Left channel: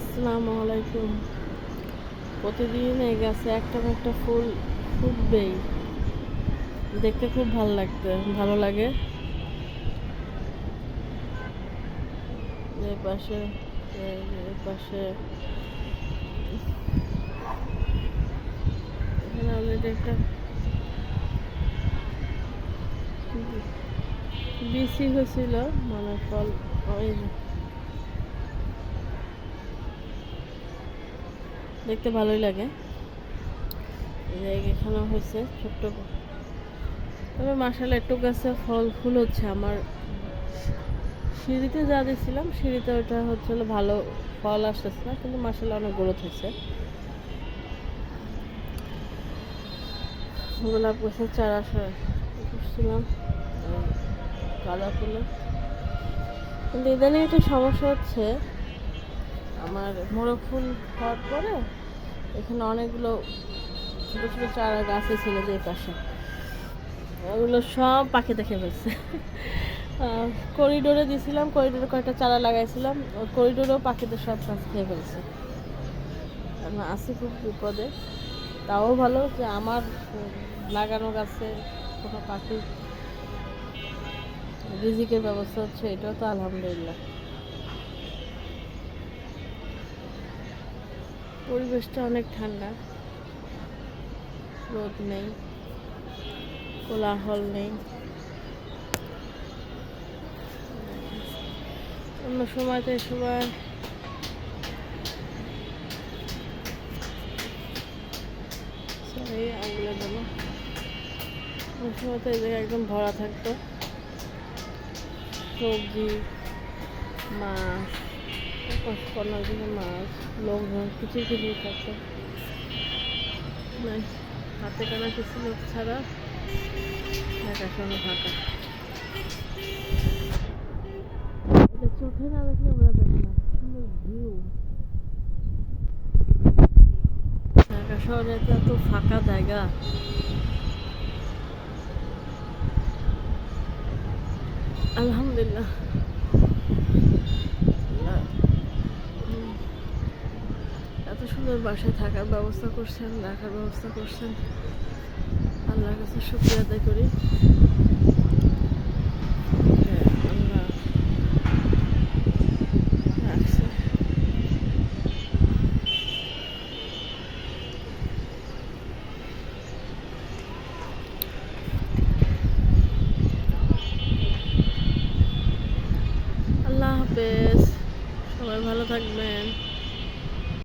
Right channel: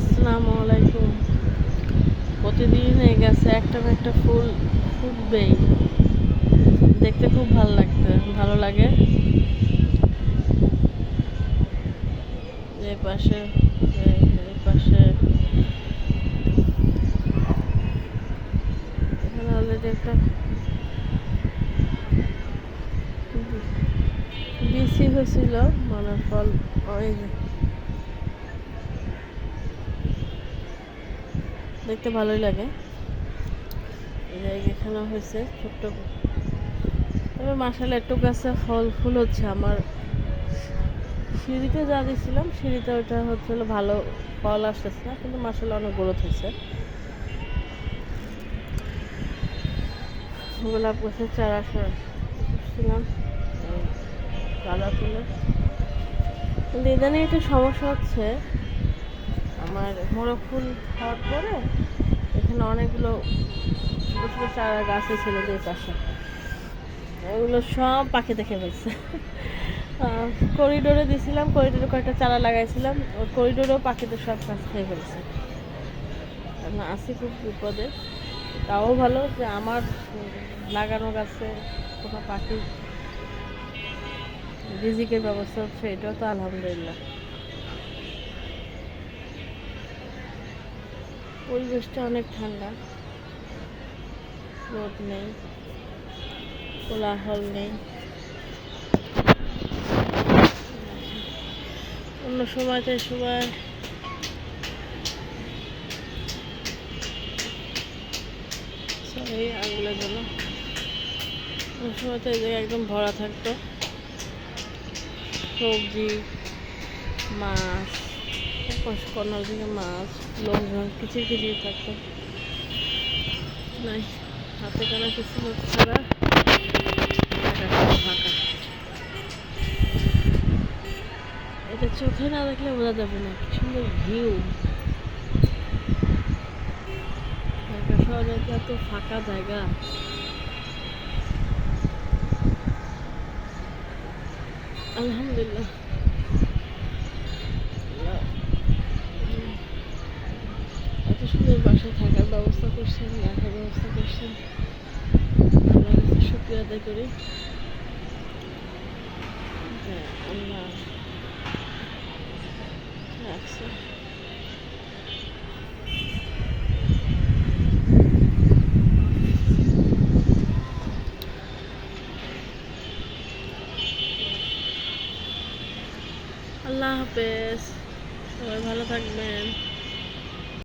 আসসালামু আলাইকুম প্রতিদিন এই গাছে একটা না একটা ফুল ফুটবেই দেখতে খুব ভালো লাগতো ভালো লাগে এই পাশে এই পাশে এখানে অলরেডি একটা বিসি হয়েছিল মানে ফল ওই দেখতে ভালোই লাগে। এখানে হয়েছে ছোট্ট তবে মাসাল একটু গাছে ফল ফুল হচ্ছে। আমার সিঁড়িতে যা দিয়েছিলাম সিঁড়িতে ওটা হচ্ছে ভালো ফল আসতেছে না, কিন্তু মাসাল অনেক গ্রোথ হয়েছে। গোলাপ গাছের চারা করছিলাম গাঁদা ফুলের। কিন্তু ইদানিং একটা সমস্যা হচ্ছে আমার মোরগ ফুল হওয়ার পরে এখানে অনেকগুলো ছোটো ছোটো চারা গাছে ছিল যে পাশে। ওগুলো সব পাখি দেখে ফেলছে। করিডোরে দিয়েছিলাম করিডোরে কয়েকটা চারা লাগাইছিলাম। ওই করিডোরেও পাখিদের সব গাছ খেয়ে ফেলছে। এখন আসি খুব বিপদে। তাও ভালো যে আমার লাগানো গাছে কোনো পাখি রিজিকের ব্যবস্থা হচ্ছে, এটাও তো আলহামদুলিল্লাহ। পরিবেশটা অনেক ঠান্ডা। রোদ নেই, কোলাহল নেই। অন্য সময়তে সময় সরি আঙুলের জন্য অন্য সময়তে এই জায়গায় একদম ভরা থাকতো। সবজি, মাছ কর্নার দিকে মাছ লোকজন কিচির কিচির থাকতো। নাই, হাতে কানা কিছু লোক ছাড়া ফাঁকা সব ফাঁকা। এটা চোখে না দেখলে বোঝা যাবে না, কি সুন্দর ভিউ ঢাকা শহরে এত ফাঁকা জায়গা। আলহামদুলিল্লাহ। সুন্দর বাসায় থাকার ব্যবস্থা করছেন, রাখার ব্যবস্থা করছেন। আল্লাহর কাছে শুক্রিয়া আদায় করি। হ্যাঁ, আল্লাহ রাখছে আল্লাহ হাফেজ। সবাই ভালো থাকবেন।